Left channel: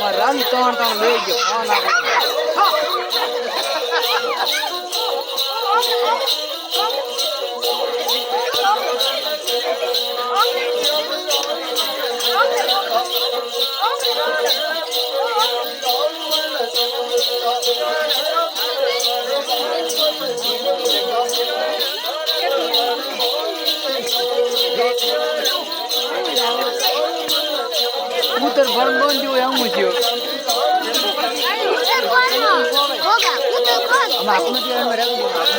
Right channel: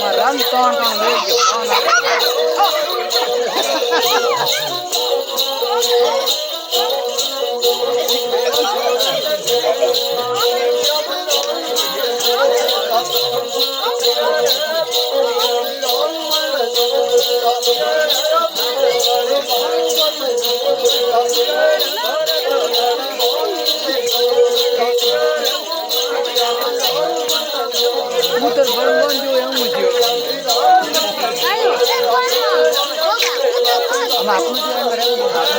મારા રામ ત્રણ ત્રણ લઈ ગયો ફોન આપો putar barban jo yang mucio ama aku nanti yang mereka aku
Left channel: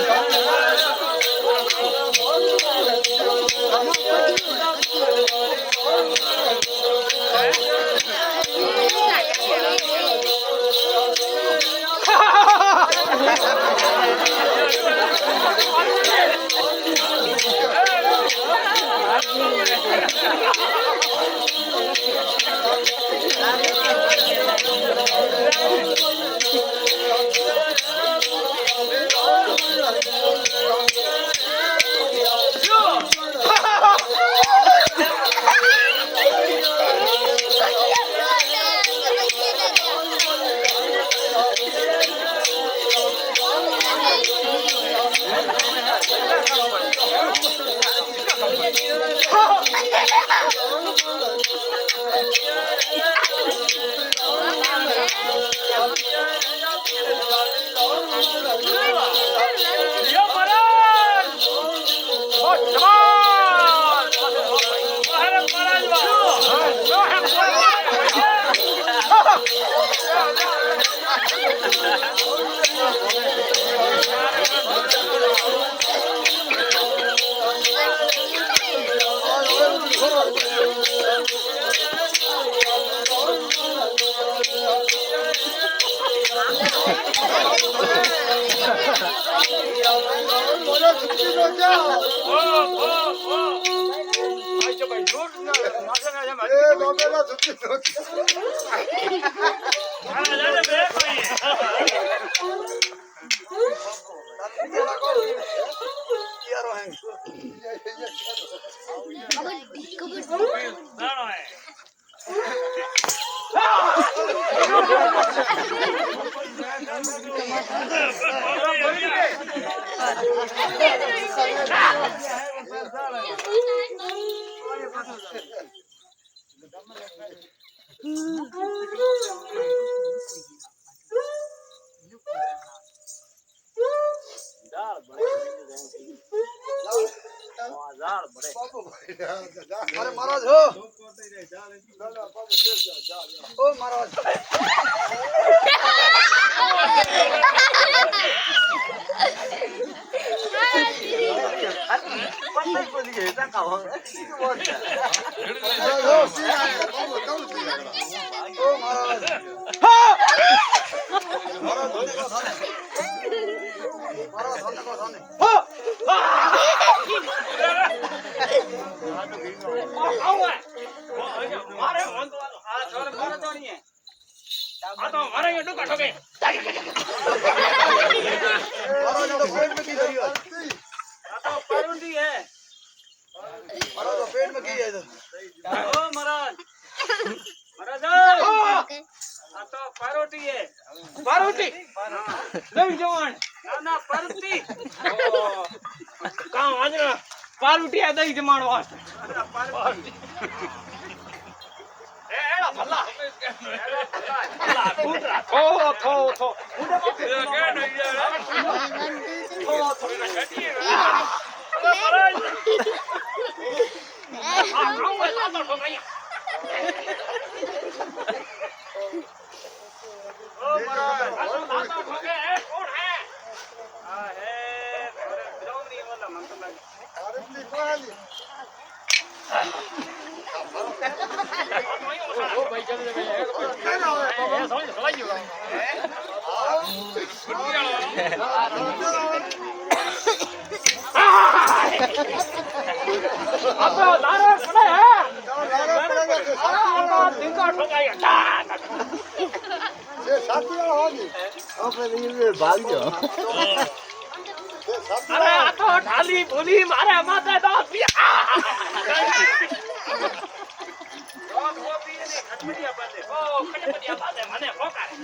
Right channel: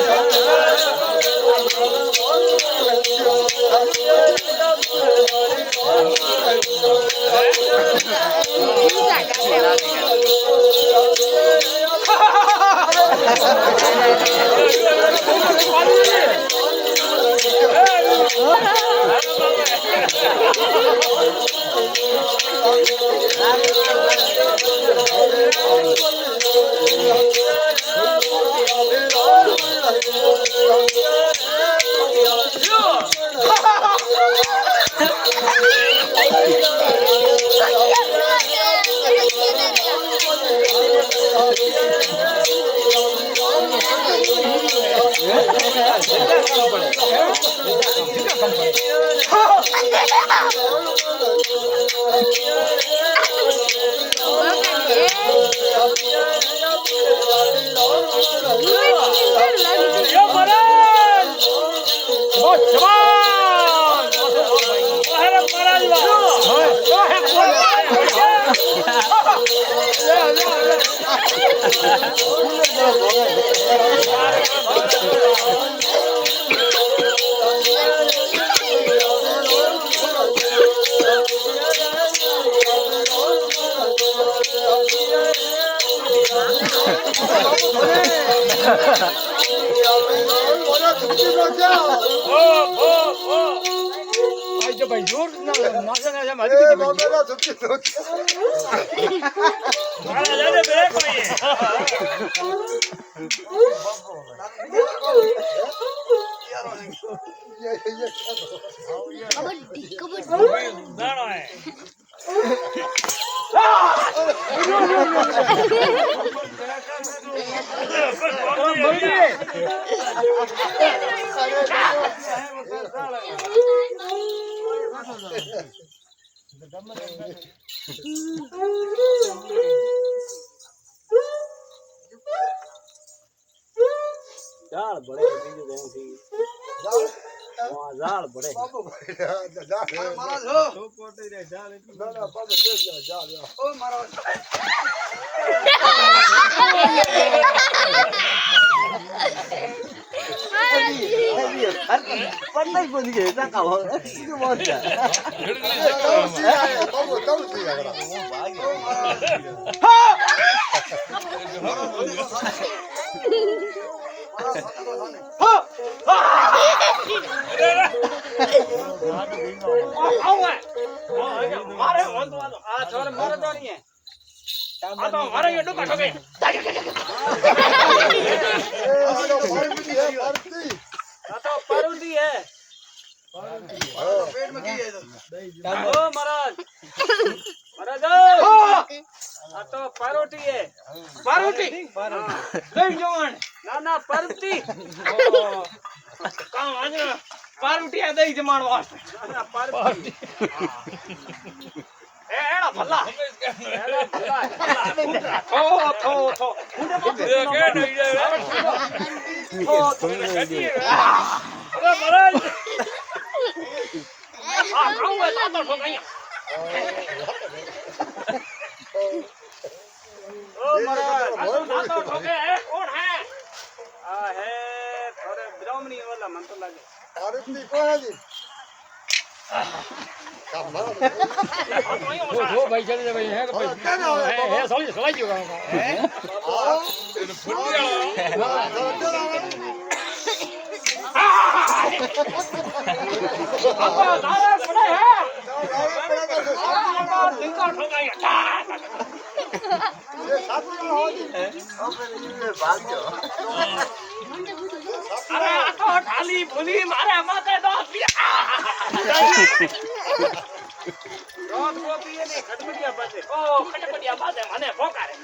એ બાજે મને પોકારે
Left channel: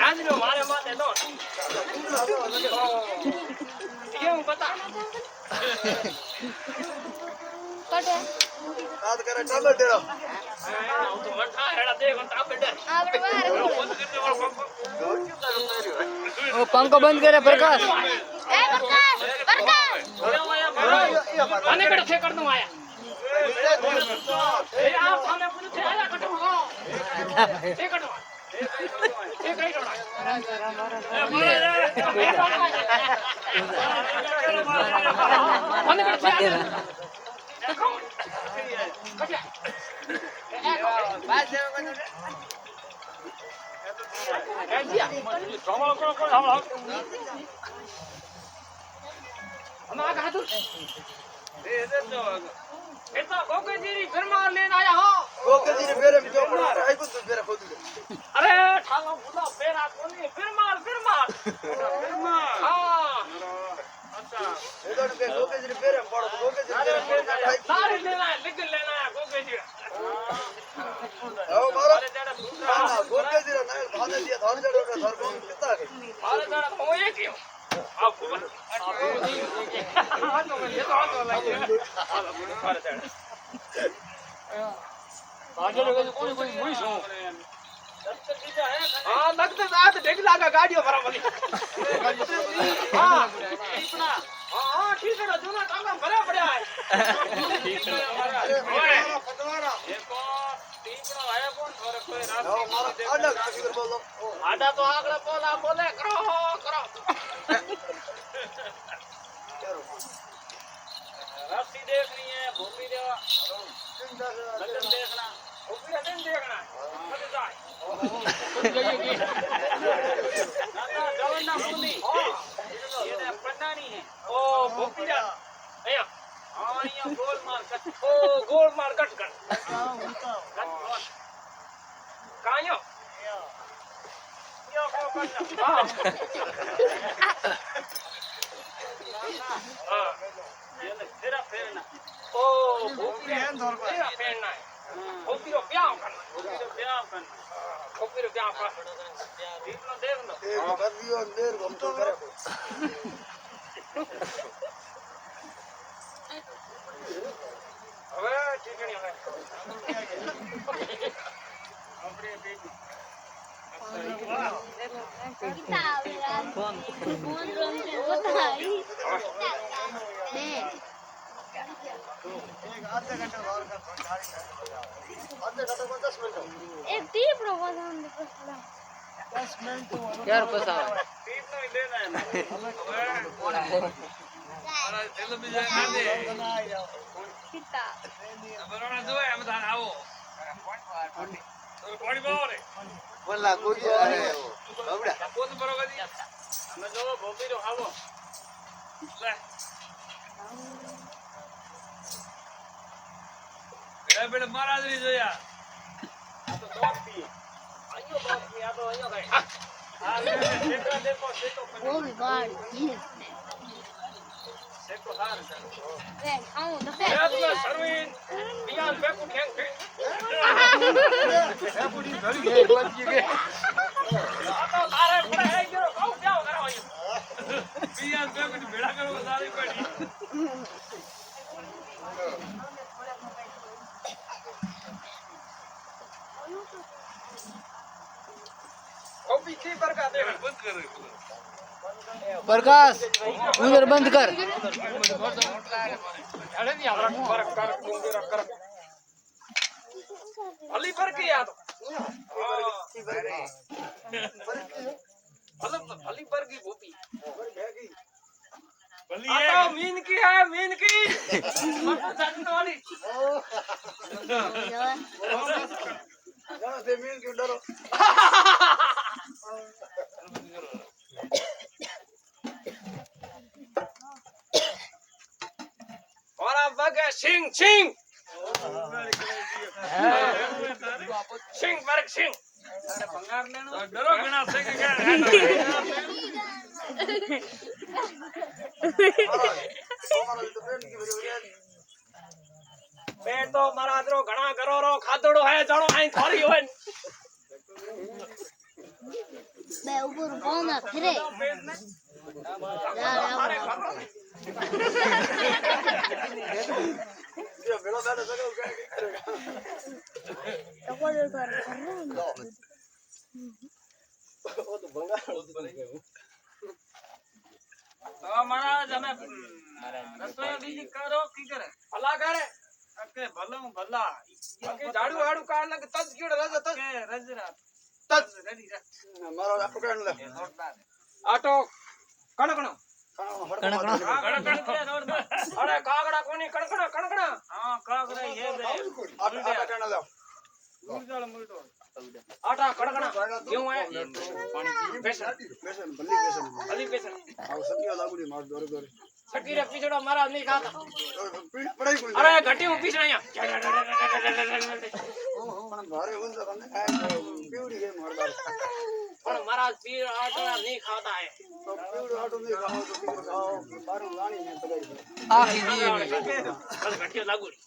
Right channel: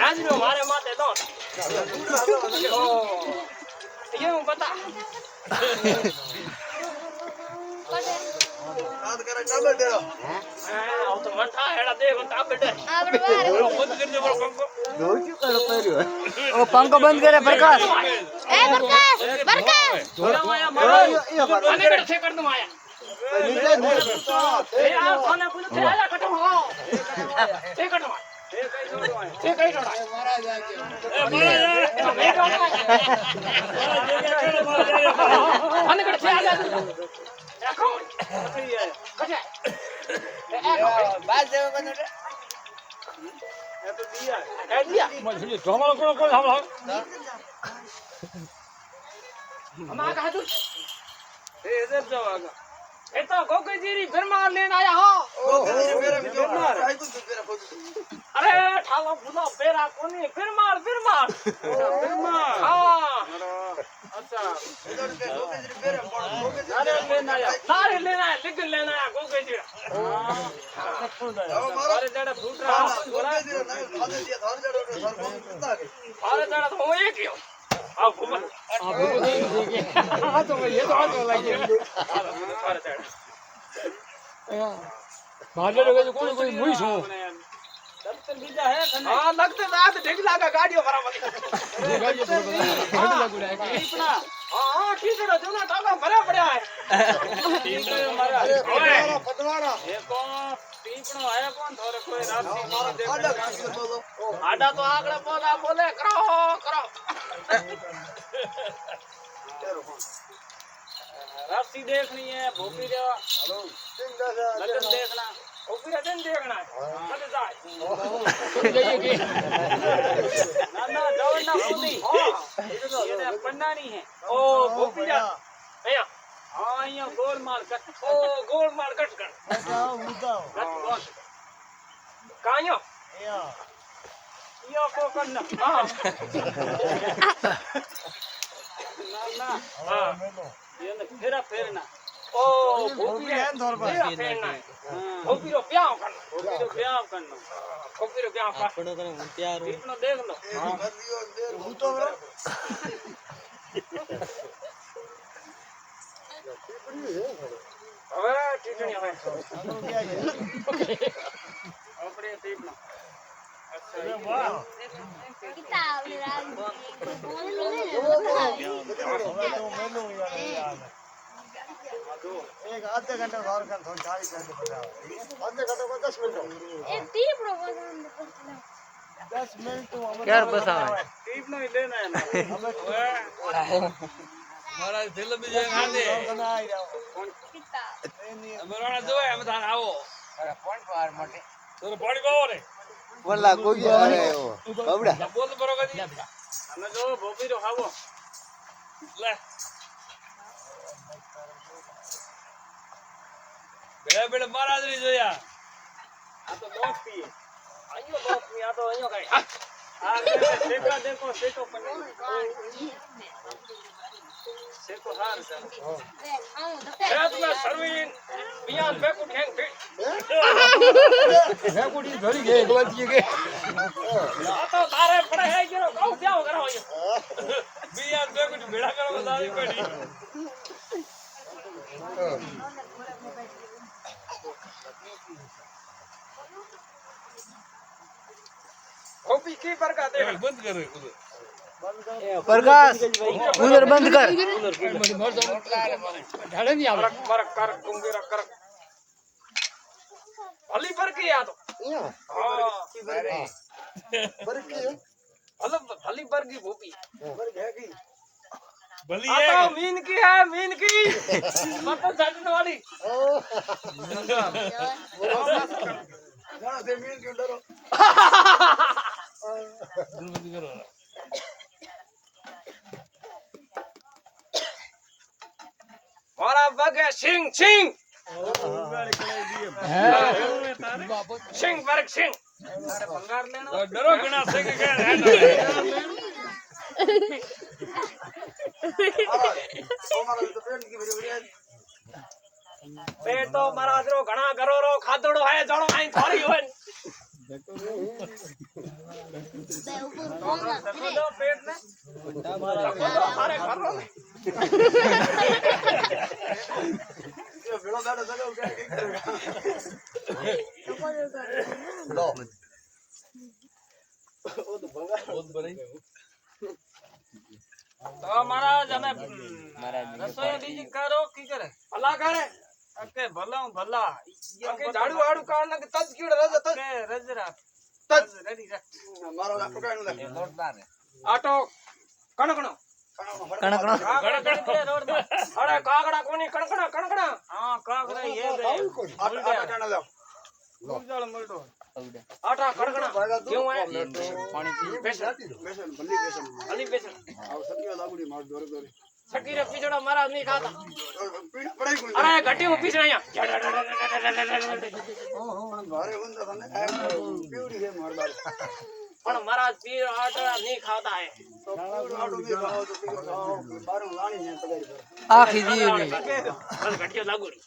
આજનો મારે માથે નો કેવું બતા કાદ કરે ટાબે ડેરો હા તો મઠા હેડા દે ટાબે ડે આપણે બહાર ખોલે ઓ પંખો બંધ કરે પ્રકાશ એ બરકાસ બરકાસ આયા મારા આને કડ ઠે કર દઉં આયા એ આ ખાને પુને ઠે આયા કટો હો એ કટો એ કઈ ડોડા આને કડ ઠે આયા એ કોણ કશે એ બાજ દે બધું हमारा कहा तू ये तो गोके जीरी घर मार लेने आया हो ઓ કદી બેરે જો આઈ કો બેરે ખોદી अरे ठालो बुला बेरा कोनी फिर मार हां अच्छा એદોડ તે લોકે જે બેરે પડો લોકે જે બેરે सारे लेना है लिख लेना है गोके जी ઓ મારો ના લોકે જે ના ભાને જે ધાન દેડો સર કોણ કિતા કે अरे तेरा तो ये क्यों आ घूम हाँ लगते साथ ढेगला का गाड़ियों बराबर हाँ ठीक है जो ना टाला भरा भरा है कौन थोड़े कोई रात મારો આડા કાકી કર બોલો आडा तो आगले बोला बोले करो करो रास्ती देखनी है भूपी देवा लगन देखना भूपी लगन देखना लग जाए ना ना जाओ ना भूपी हाँ ये पन्ना नहीं है ओ भूपी जा भैया हाँ ये गोल मार कट ओ गोल मार कट कर कहाँ यो यो को करना हाँ हाँ फेरा फेरना ओ भूपी फेरा फेरना भूपी रो ब्याह करना भूपी रो ब्याह करना इतना देख लो એ બદીઓ દેર ઘૂમતો કરે હવે ઠીકણી હવે આપણે ઠીકના किताब राज बोल रहे बता આધા ઘંટા વાર કર થાળી કાઢી બતાવો આધા ઘંટા કો 10 મિનિટ एक टी प्रोपोजल दे पसला 10 મિનિટ તો અમે ક્યારે બસાવે टीप नहीं लेना है ना મારા થેલો બીજો ખાને ના આવી જાવ किताब બરાડા જોય અમે તાર આવો તો પાણી પાવો રે વલ્લા કોઈ આવે બબડા બોલ બરોબર અમે જો ભોપી રો ખાવો લે બેડા બેડા મહારાજ ની જોયા આ તો દોસ્ત પીએ આયો દોસ્ત પીએ આ તો આયો કઈ આ સેકો દેખો સેકો પણ सेको हार चलो रे आऊं तो खेत में सरवीन बियान पे को खेंग पे રેકોડી ધરી ગઈ ગોતી ગઈ तो अरे पड़े है जो कौन क्या हो रहा है બીયા બે મિનિટ ભેડા કરવા તારી પડી ओ पीछे पर का दे બંધ કરે प्रकाश उधर बंद कर फर्क कर दूंगे रख कर भली पर की याद भली पर की भूपी ભલી आ હે तो मीन की है मीन की मतलब छाटने वाली ઘણા તે મીન કે ડરો और अब बगे सिंह सिंह सिंह वर्ग सिंह ડરો ઘણા છે કે મહારાજ તમારા તો પેન કે વિડિયો पेट तो महाराज रो घना करो रो खादड़ो है जणो आई थोड़ी होय ઉપર પહોંચા ફરે ये बेड़ा बैठा सका क्या क्या करेगा તો કોઈ કર लो वो तो भंगा તો મહારાજ અમે રસોઈ બીજી કરો કી કરે ભલા કરે કે ભલા ભલા કે ઝાડુ આડુ કાઢ ને તજ કીડ રજ તજ કે રજરા તજ રેડી રાખ मारो आपको क्या नहीं આટો કણકણો કણકણો અરે કાગડા કોની કણકણા કણકણા હા કાગડા એ દે आटा आटा क्या ना મુરદળ મળતો આટા કણકણા કેવું હે બેસન बेसन भल्ली बेसन અલી બેસન अब सब्जी लागूडी मार दोरे दोरे સકીરે પીછડા મારા નહીં ખાતા पीड़ पड़ाई कोई અરે ઘટી હું પીછડા भारे उन तो हमने पीड़ी है मार बार પણ મારા પીર આટા નહીં ખાતા હે तो पीड़ आटो नहीं खाओ तो पीड़ खाओ बारों लानी है पगारी पर આખી જીવી બસ ઘટિયો લાગુડી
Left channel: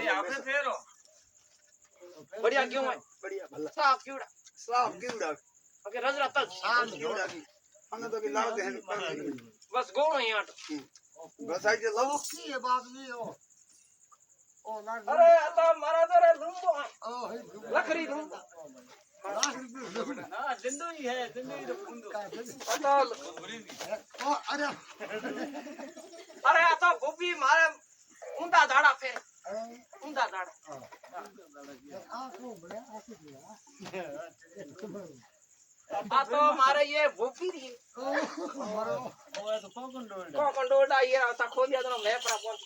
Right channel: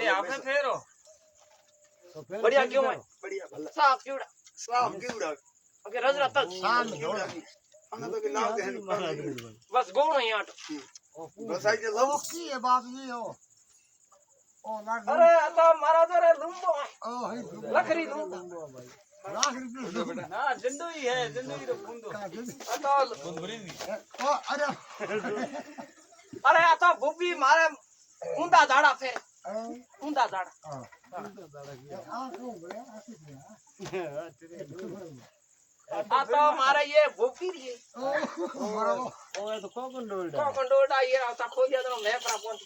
એ આપણે ફેરો बढ़िया क्यों है बढ़िया भला साफ क्यूड़ा साफ कीड़ा ओके रजरा तक कीड़ा की हमने तो कि लाव दे हैं बस गोणो यहाँ बस आई के लाव अरे आता महाराज रे लुंबो लखरी लुंबो हां जिंदगी है जिंदगी रे फुंदो आता अरे आता बोबी मारे ऊंधा झाड़ा फेर ऊंधा झाड़ा आता मारे ये बोबी रे ओ तो कोकन डोडा ये आता खो दिया तो मैं परा पहुंच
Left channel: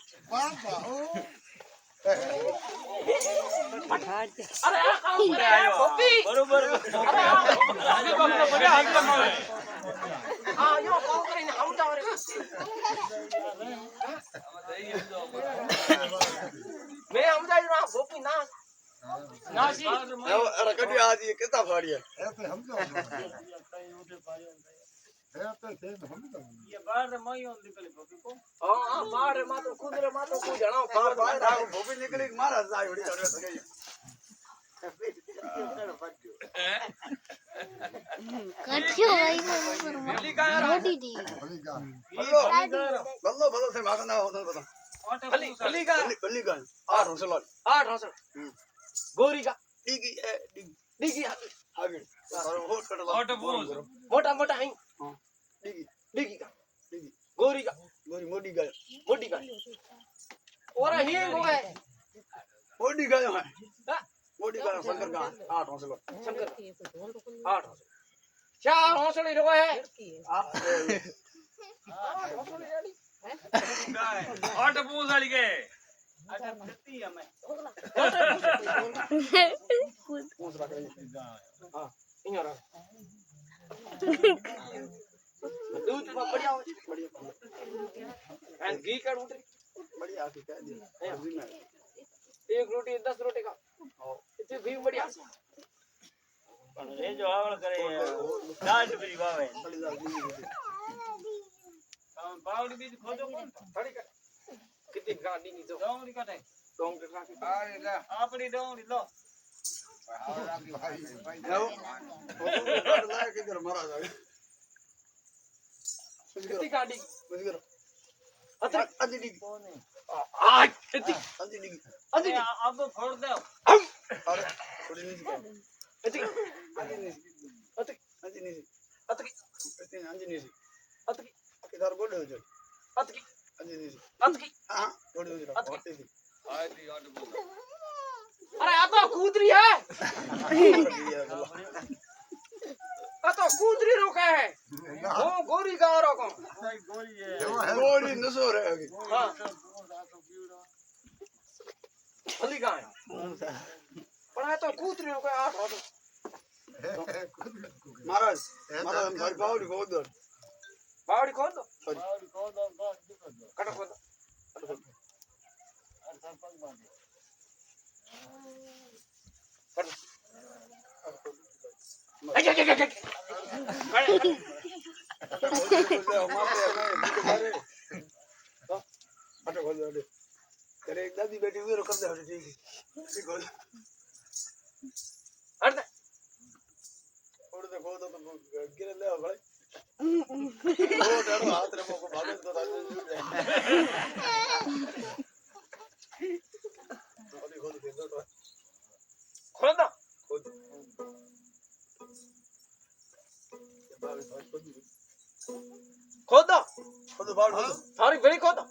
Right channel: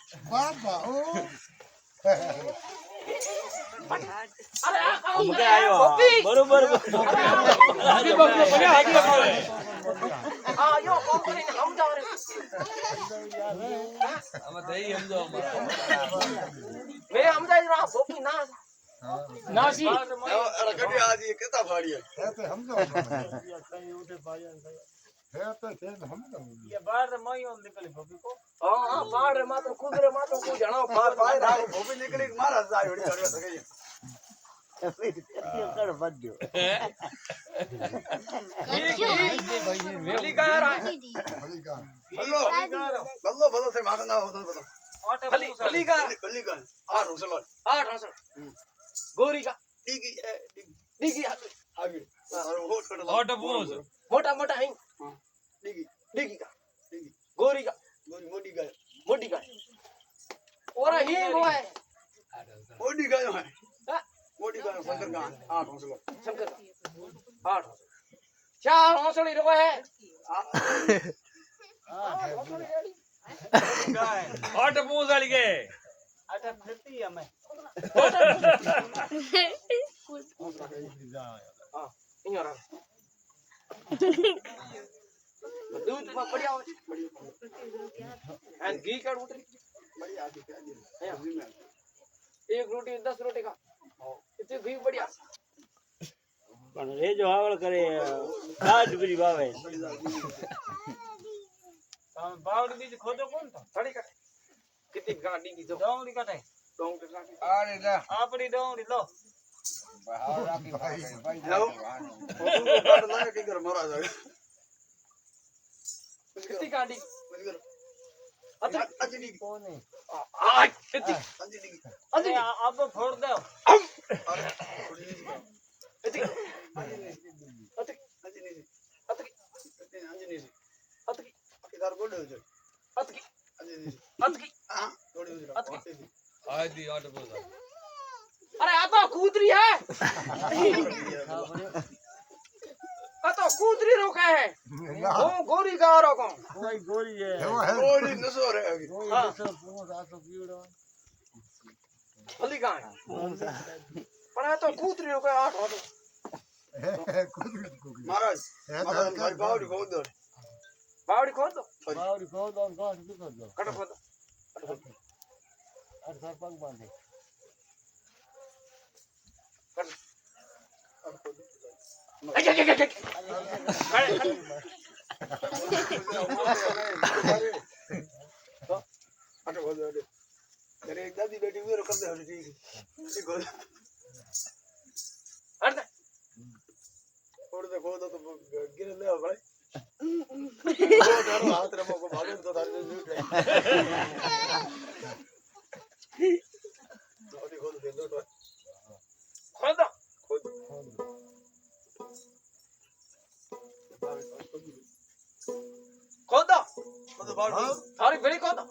अरे आ काम करे बोबी बरोबर अरे आ यो काम करे हम जा रे मैं हम जा रहा बोबी ना नासी अरे कभी आज ये कितना फाड़ी है ये बाहर मई on निकली बोबी को हां बाहर मा तो कुदरे मा तो को जणो बाहर बाहर डाल भोपी निकली मारा जाय बड़ी कर सके मेली का बल्लो बल्लो बल्लो से मारना हो तो बता फली फली का बल्ली का आ रोसलो 8 हंसड़ गोरी का डिगी डिगी आगे और होट कट लो मोटा मोटा है हां डिगी डिगी का डिगी गोरी का गोरी मोटी गाय मोटी का और हिंग है मोटी गाय है मोटी गाय शंकर का 8 हंसलो शंकर का 8 चार हंसड़ी रो है 8 हंसड़ी रेडी ઓટ પૂછ વાળી કે आटा खेती हमें कौन सा गाय हां इयो रहा दूध में बढ़िया हो एंड घी का रोटी बढ़िया आती क्या दी एक रोटी 10 रोटी का इतनी घी बढ़िया ये जो हावड़ करे काट भी बावे बावड़ी बीज खोदो कौन था थोड़ी का कितनी गाड़ी की जो डोंगरी काटे डोंगरी काटे અરે જા आपड़ी डोंगरी लो जाओ वो काट लाया के घर मारा जाए कितनी गाड़ी बस करो अतरी अंजलि आज कितनी अंजलि अजी अब फोड़ दो अरे थोड़ी नहीं का अजी अंजलि अतरी अंजलि अतरी अंजलि अतरी किधर बोल रहे हो अतरी अंजलि अतरी हां थोड़ी हो अतरी આદી ઓટ પૂછ अरे आ तो कूदरी है आ तो कूदरी रोका है वो गोरी का रोको गोरी नसो रे हां फली का है पर आ तो कूदरी रोका 8 हो महाराज महाराज हम सारी बावड़ी को दो बावड़ी खोद दो बावड़ी खोल दो गांठ भी कर दो कट खोद दो कट खोद दो और सर पग बांधे कट अच्छा अच्छा अच्छा अरे बोल दे अरे एक दादी बेटी हुई कर दे ठीक है ठीक हो अरे રે ખોદો તો ગિરે લેવા ભાઈ ઓ તારો હાથ રે મોકો ભાગે તો તારે લૂટ રે તો અભી ખોદો દે દો ખોદો ખોદ ખોદો ખોદો બાળ થારી ભેળી ખોદો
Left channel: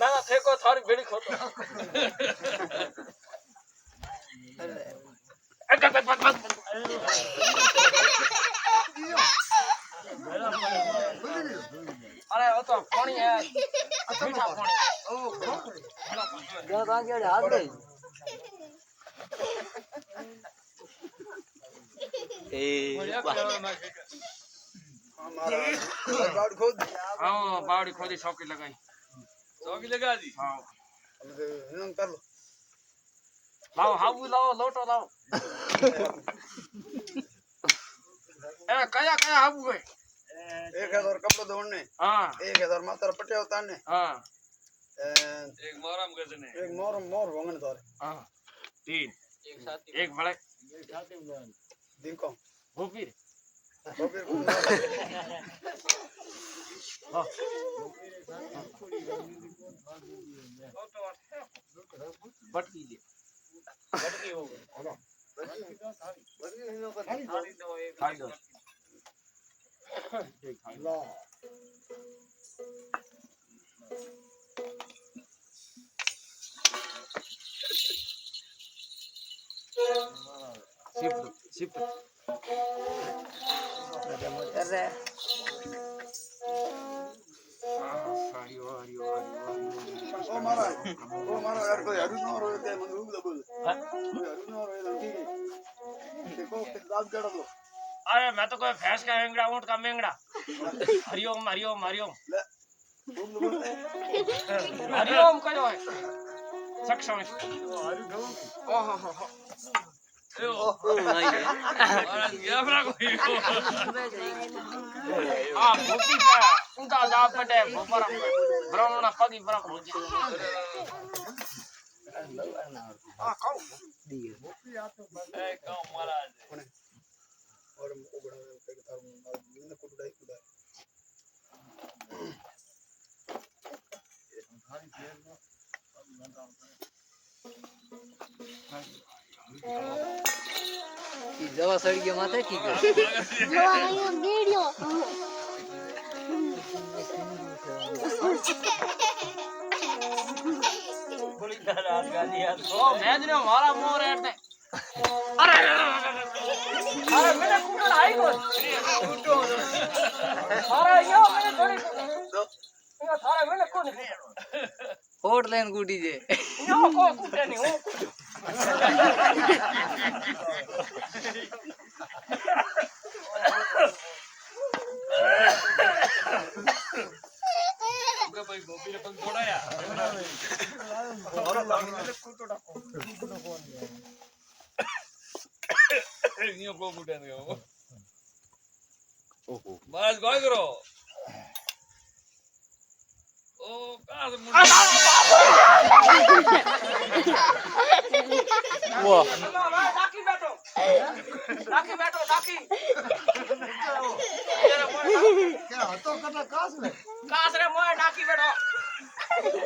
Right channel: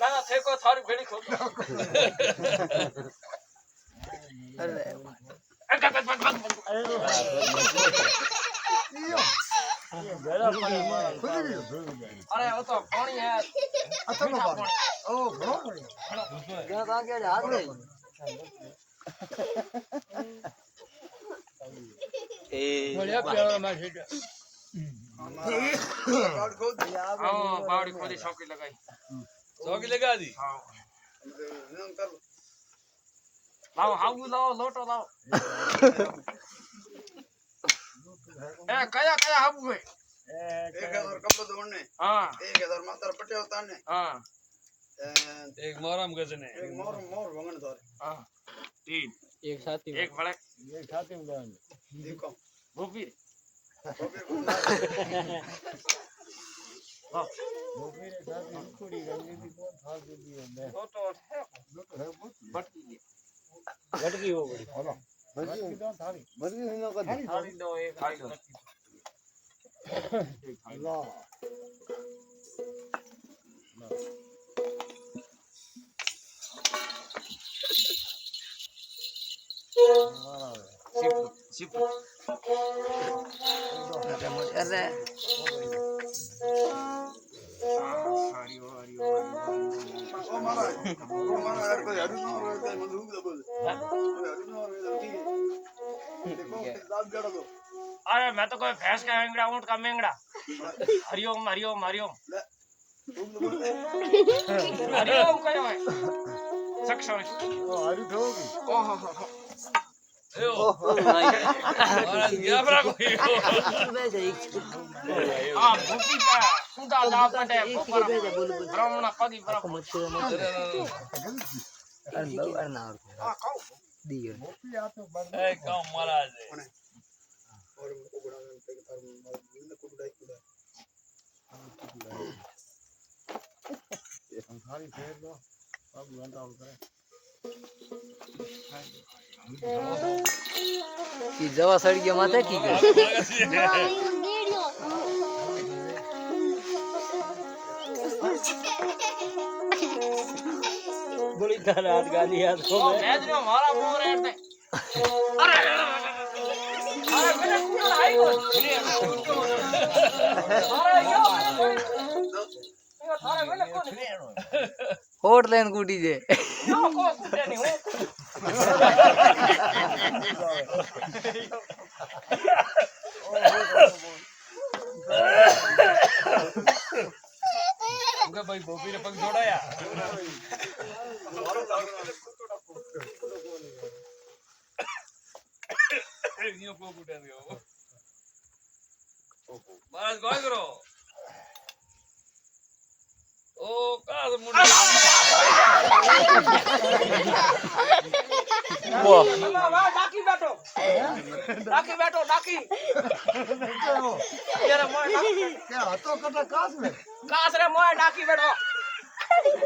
ના ઠેકો થારી ભેળી ખોદો અરે ઓ તો પાણી હે મીઠા પાણી ગયા તા કે હાથ નહીં એ બાળ ખોદ હા બાવડી ખોદી ચોકી લગાઈ ચોકી લગા દી હા અને હિંગ કર લો લાવો હાબુ લાવો લોટો લાવો એ કયા કયા હાબુ હે 1000 કપડો દોડને હા 1000 માત્ર પટ્યા તાને હા એક મોરમ ગજને એક મોર વંગણ તારે હા તીન એક સાથી એક ભલે દીકો ભૂપી બબે કો હા બટકી દે થાળી દો એક થાળી દો એક થાળી લો સિપ અરે ઓ મારા યાર કોઈ હરુ નો રોય તે મને ઉગ દબો હરુ નો રોય તો ઠીક है देखो दाब गड़ा दो अरे मैं तो कोई भैंस का मेंगड़ा ऊंट का मेंगड़ा हरिओम हरिओम हरिओम उग दबो हरिओम कयो है सक्षम ओहो हो महाराज गया बरा कोई आ भूपी का उदा दाब पटे बपर ब्राह्मण पगी बरा अरे ना आ खाओ दियो ए कौन महाराज और उगड़ा पे तार ने कुटाई कुड़ा की जवा सड़ी गया माथे की कर જો અહીંયા બેડ્યો ओ मेजरो मारा मोर एट अरे अरे मेरे कुकर आई को अरे यो मेरे थोड़ी ये थारे मेरे को होट लेन गुडी दे यो को कुटे नहीं हो उनका भाई गोपी ने पग जोड़ाया और लाने कुटो डाको नियो को कुटे ने महाराज काय करो ओ का मुंडा वाह डाकी बैठो डाकी ये रे मोय क्या हतो कटा कास में कास रे मोय डाकी बैठो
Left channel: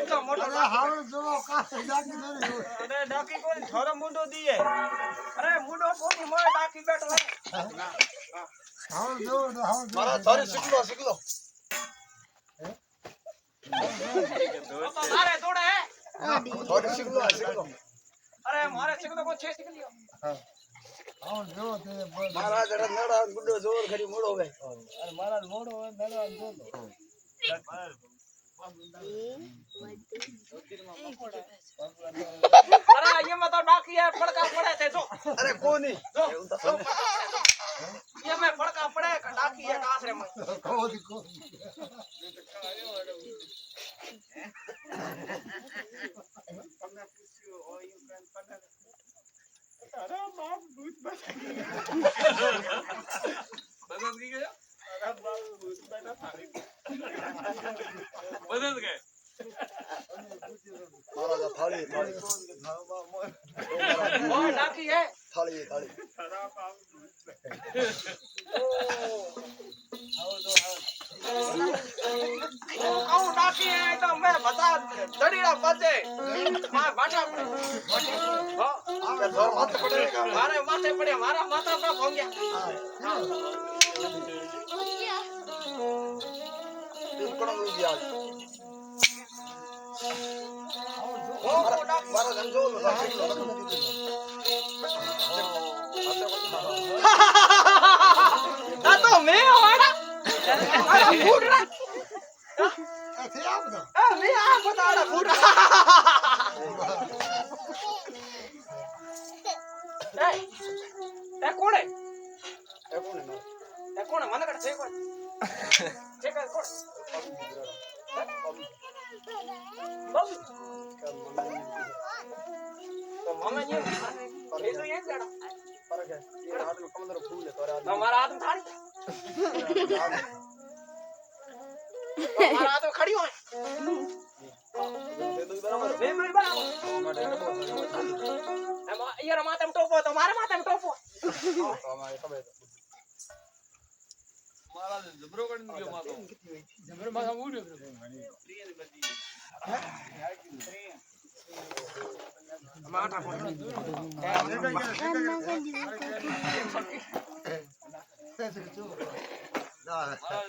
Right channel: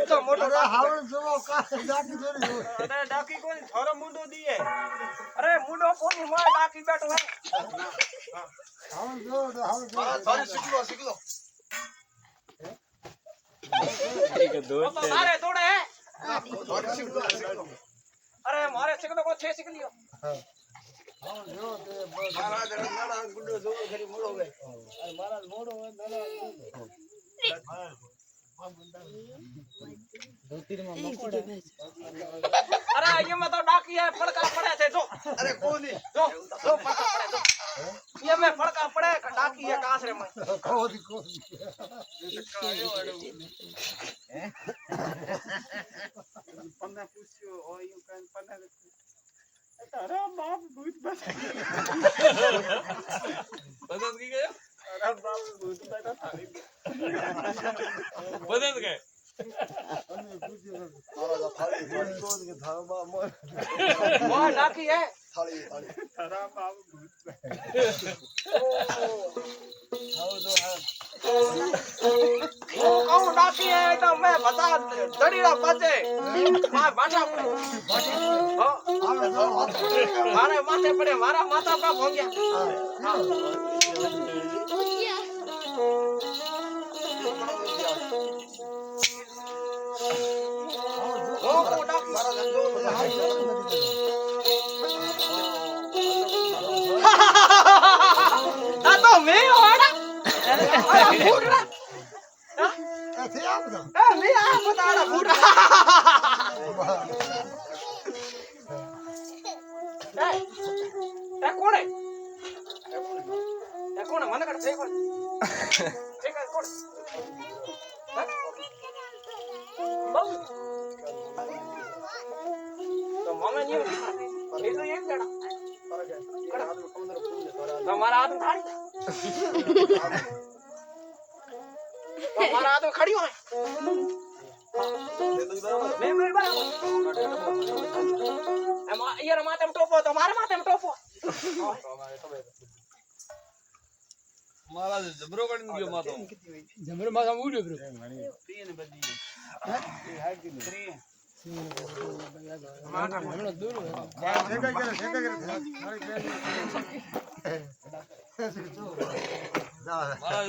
तो मोटो अरे हावे जो कास जाकी थोड़ी हो अरे डाकी कोनी थारो मुंडो दिए अरे मुंडो कोनी मोय डाकी बैठो है ना हावे जो थारे सीख लो तो मारे तोड़े है थारे सीख लो अरे मारे सीख तो को छे सीख लियो हां जो ते महाराज रे नड़ा गुड्डो जोर खरी मोड़ो गए अरे महाराज मोड़ो नड़ा मोड़ो अरे ये में तो डाकी है फड़का पड़े थे जो अरे कोनी जो ये में फड़का पड़े डाकी है कास रे में कोनी पन्ना पूछियो ओ यू कैन पन्ना अरे बाप भूत बस पसंद की गया બધે જ ગયે. મહારાજ થાળી થાળી મોં ડાકી હે થાળી થાળી ઓ ડાકી હે તો મેં બતા દડીડા પાછે માં બાટા પડે હો આવે તો માથે પડે મારે માથે પડે મારા માથા પર ભોંગ્યા કોણ ગયા ઓ ડાકી મારા ધંધો આ તો મે વાડા અરે ફૂટડા એ થી આ બધા એ મે આ બતાડા ફૂટડા એ કોણે મને કડ છે કોઈ છે કોઈ કોણ બહુ તો મમ્મી ને એ તો એક જણા ફરક હે એ હાથ में कमंदर फूल है तोरा તમારા હાથ થાળી તમારા હાથ ખડી હોય दे दो बराबर બે બે બરાબર એમ યાર માથે ટોપો તો મારા માથે ટોપો અમારે ખબર મહારાજ જબરો કરીને ગયો માથો. જમરો માથા ઉડ્યો બ્રો માથા પર મહારાજ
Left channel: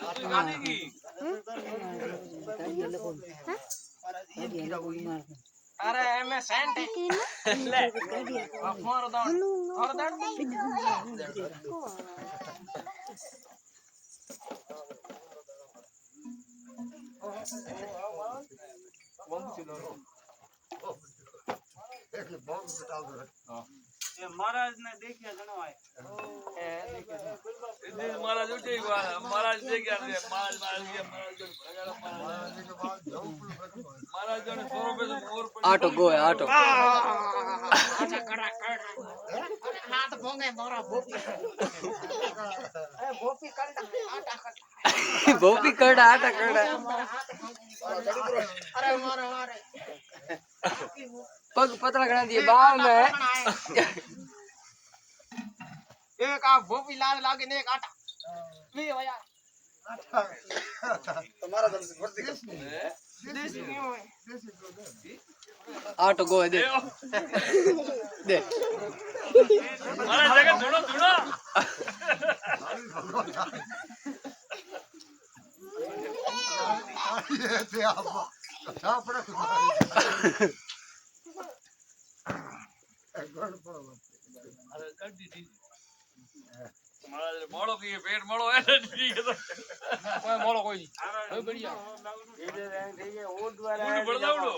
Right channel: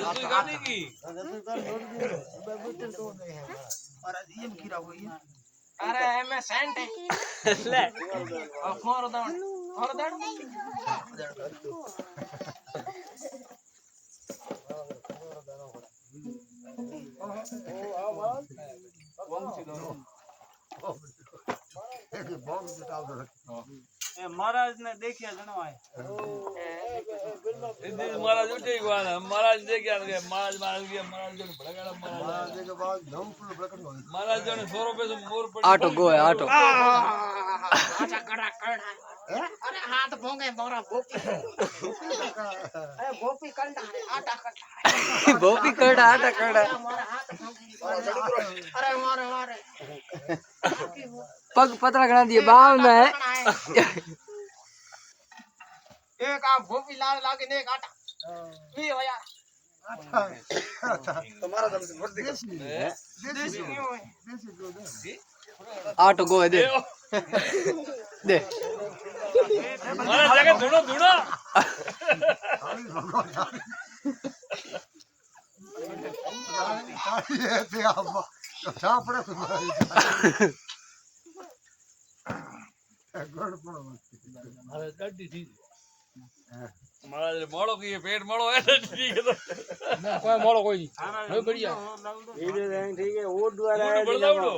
ઉતરી કાઢી ગઈ. અરે એમે સેન્ટ લે મારો દાણ મહારાજ ને દેખ્યા જણવાય એ દિવસ મહારાજ ઉઠી ગયા. મહારાજ દેખ્યા કે મહારાજ મહારાજ જાણે 100 રૂપિયા મોર પડી. આટો ગોય આટો આટા કડા કડા અરે હાથ ભોંગે મારા બોપી અરે બોપી કંડા આટા કડા ભોપી કરડા આટા કરડા મારા હાથ ભોંગે અરે મારે પગ પતરા ગણા દિए બાવ में एक आप भोपी लाल लागे ने एक आटा वी हो यार तुम्हारा दम से भर्ती कर देसी नहीं होए आटो गोय दे दे મહારાજ જાગે ધૂણો ધૂણો. મહારાજ કાઢી હતી. મહારાજ મોડો કહીએ પેટ મોડો હોય ને ઠીક છે. ના કોઈ મોળો કોઈ નહીં હવે બઢિયા બળદાવડો.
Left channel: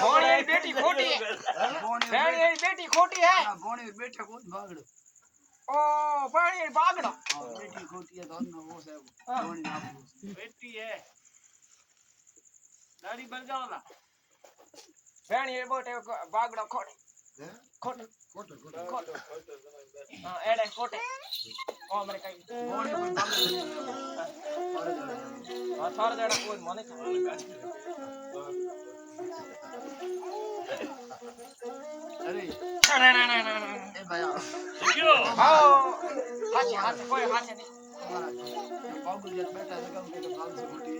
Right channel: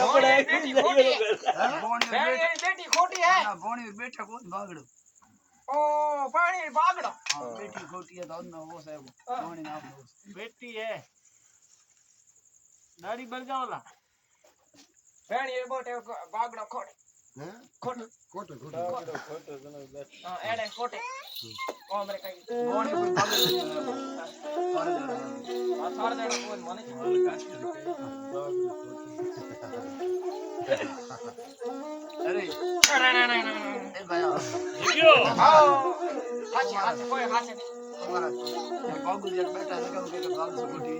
कौन है बेटी खोटी है बहन ये बेटी खोटी है बोणी बैठा को भागड़ो ओ पानी बागड़ो बेटी खोटी है तो ना वो साहब बोणी नाम दो બેટી હે દાઢી બરગાવલા बहन ये बोटे बागड़ो खोटे हैं खोटे कोटे हां एड़े खोटे ओ हमरे कई बोणी कोई भागड़ो नहीं हां थार जड़ा कोई मने अरे ए भाई ગયો. आओ हाथ कोई हाथ नहीं हमारा बाबू जी बैठा है कम के बाल से खोटी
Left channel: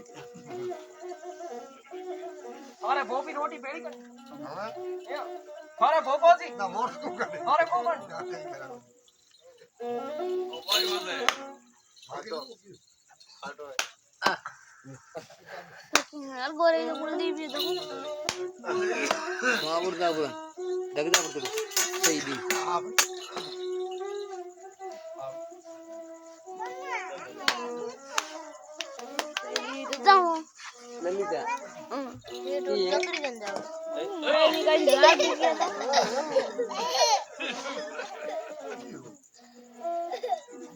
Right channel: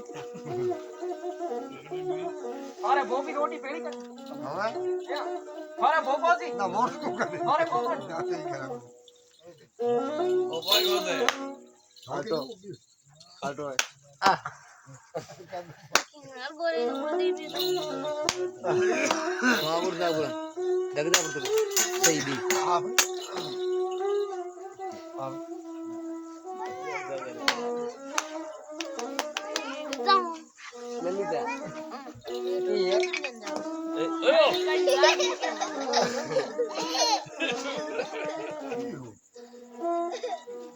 अरे भोपी रोटी पेड़ी कर हां अरे भोपो जी ना मोर को करे अरे कोकण नहीं करा કોઈ હોતે. आटो आ Agora eu mandei vídeo. माबुर दाबुर दगदा पड़तो सही दी Então, ललिता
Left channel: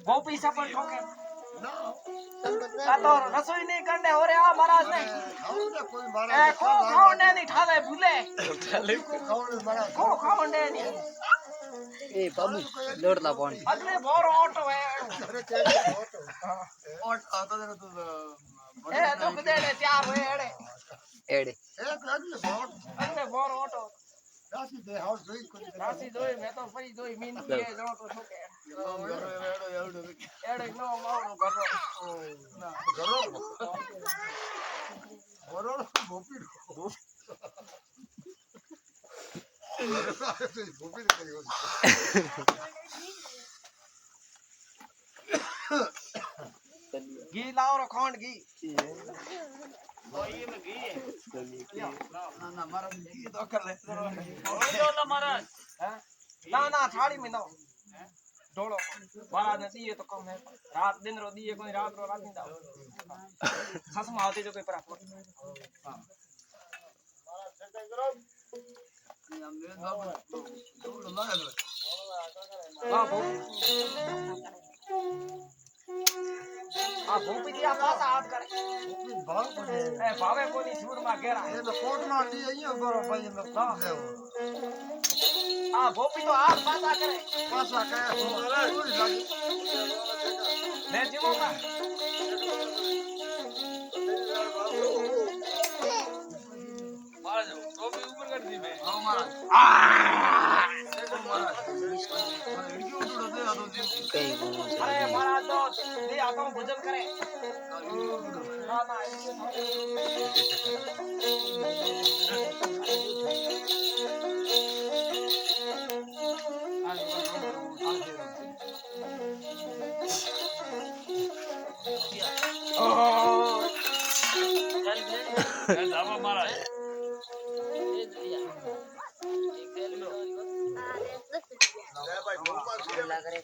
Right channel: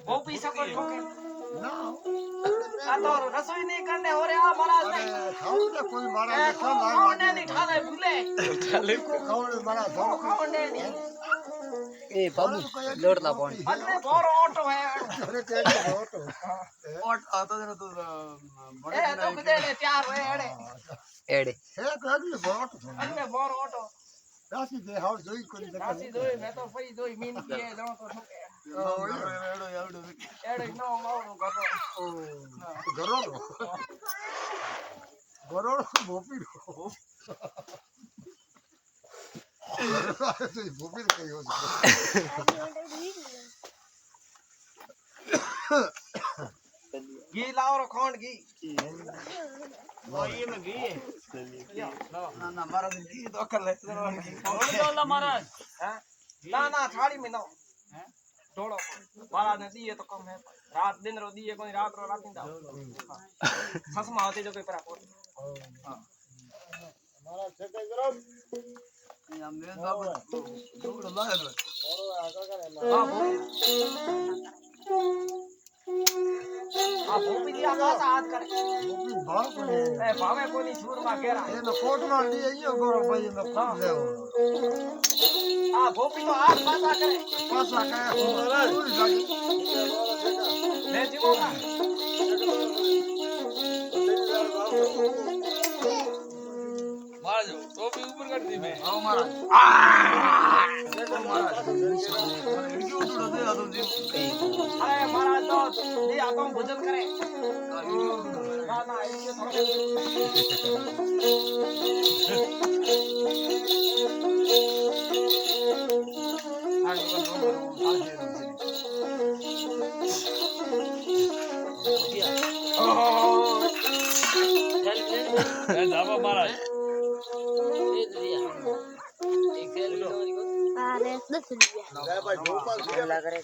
भोपी सफर ठोके ना आ तो रसोई नहीं करने हो रे आ महाराज ने खाओ ना कोई मारा ए को खाओ ने नहीं ठाले भूले को खाओ मारा को खाओ ने नहीं એ બાબુ લોટલા પાણી અગલે બોરો ઓટો હે ઓટ આતા જરા તો એ તો કદે ને ત્યાર હે એડે એડે અગલે બોરો ઓટો રાસી દે હાવ જોઈ કોઈ રાસી જોઈ મે તો ફરી જોઈ મીન કે જણો તો શું કે એડે નો માવડો કરો ગરોડ ભોપી ભોપી કયો ઘી લાવો રો ખંડ ઘી ये में गई है ના ના મારા કી તો અકલ હે बोला महाराज हैं ना ना थाली में ना ढोलो बारा ने दिए तो कम है रात दिन रो दिए कोई रात रो रात नहीं दाओ ससमा होती जो कोई परा हां આમ ને બાબુ દોડ લાગે हां भो आ भोपी दिया पासा हाथ करे ભાવ પડે ए भावे कोनी छूर में घेरा એનો કોટ માં લઈ આયો ગોરો ભાઈ નો કોટ લેવો आ भोपी तो हाथ पासा करे પાછા કાયા ચોરી લાગી मैं जीवो का મારા ટોપી ઉપર કરી દી મેં આવ મારા ઓ મારા મને એડી ઉડો દે આ તો જીવ કઈ अरे महाराज तो दिया तो भोजन करे ना ना ये थोड़े ધાબા મારા अरे 10 रुपया કરે